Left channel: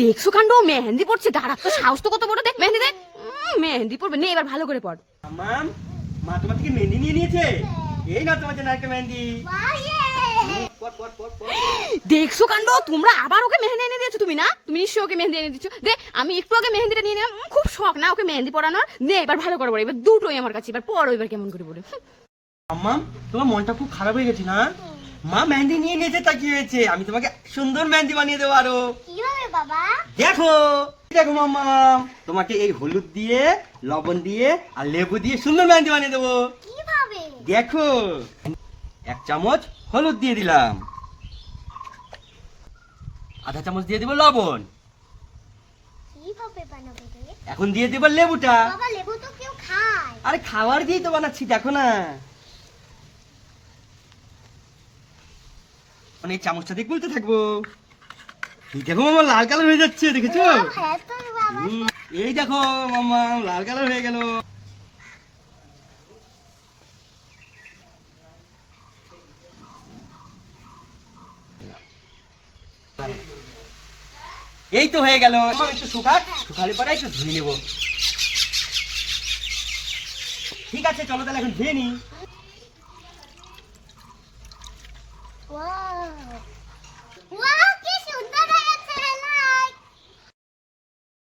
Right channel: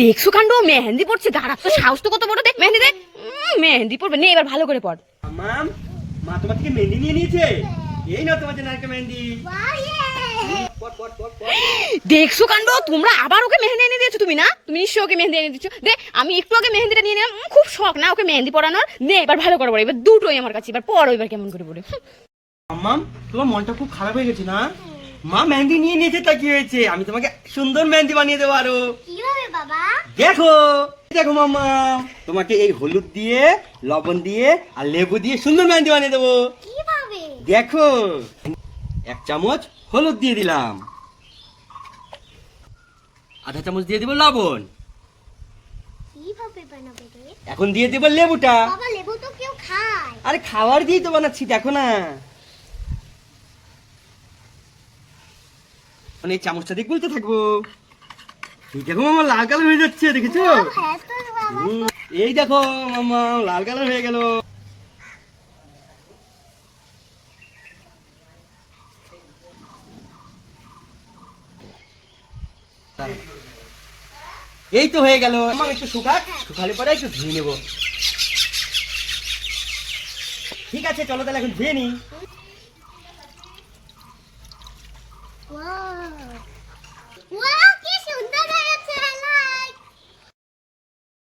দেখছো কাণ্ড, মেহেন্দি পড়ছে, দাঁড়া তো সাহস তো কত বড়, দেখ মেহেন্দি দেখ। মেহেন্দি পড়বে নে, এবার ভালো করে পড়। মাম, মা তোমার থেকে মেহেন্দি নিয়ে নিয়েছে। এই না তোমার জন্য একটা মেহেন্দি। পট পট পট পট। দেখছো কাণ্ড, তোমরা আবার ওকে মেহেন্দি এনে দিয়েছো। তুমি না, তুমি নিশ্চয়ই ওকে মেহেন্দি এনে দিচ্ছ। দে, আমি একটু আগে মেহেন্দিটা নিয়ে নিলাম, খুব শখ না ওকে মেহেন্দি পড়ানোর। নে এবার ভালো করে পড়ো, এবার দুটোই আমার কাছে, এবার পড়ো এবার কেমন করে পড়ে। মাম, তোমার মনটা খুব খারাপ হয়ে গেছে না? মা মেহেন্দি নিয়ে নিয়েছে, তা কি হয়েছে? আমি তোমাকে সুন্দর মেহেন্দি বানিয়ে দেবো আরো। কিভাবে বাবা? দেখো দেখো মামা, তোমাকে এই হলুদ দিয়ে, লবণ দিয়ে আর লেবু দিয়ে সুন্দর মেহেন্দি বানিয়ে দেবো। কিভাবে? দেখো, 1 চামচ হলুদ দিয়ে দিলাম, আধা চামচ দিয়ে দিব লবণ, কিভাবে বানাবে রে? এখন দিয়ে দিব লেবুটা। বাবা লেবু তো কেউ খায়। আরে খাবার দিয়ে তো বানাচ্ছি, দেখো না। মানে এই চামচটা দিয়ে গুলতে থাকবো। এই দেখো মামা, লাল কালার হয়ে যাচ্ছে, দেখেছো? হ্যাঁ তো বাবা। এই দেখো মামা, লাল কালার হয়ে গেল। এই তো হয়ে গেল। মামা একটু শুকালে পরে একটু ধুয়ে নেবো। ঠিক আছে, চলো তাহলে এখন ধুয়ে নিই।